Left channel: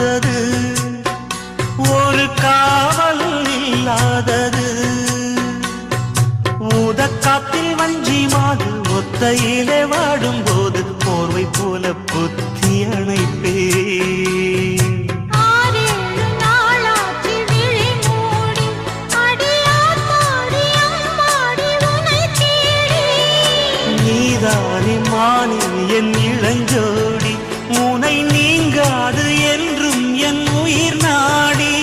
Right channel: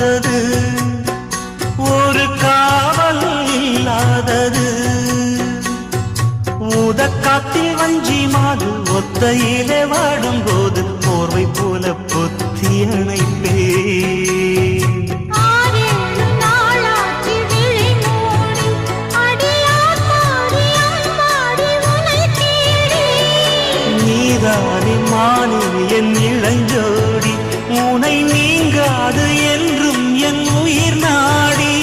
இல்லாதது, ஒரு காவல் இல்லாதது. ஊதக்காத்தில் வஞ்சி மாது ஒத்தையிலே வாடும்போது போர்வை போல பொத்தி அணைப்பே. நீதானே மானே என் இளஞ்சோடி, உனை நீங்காது என்றும் என் உயிர் நாடி.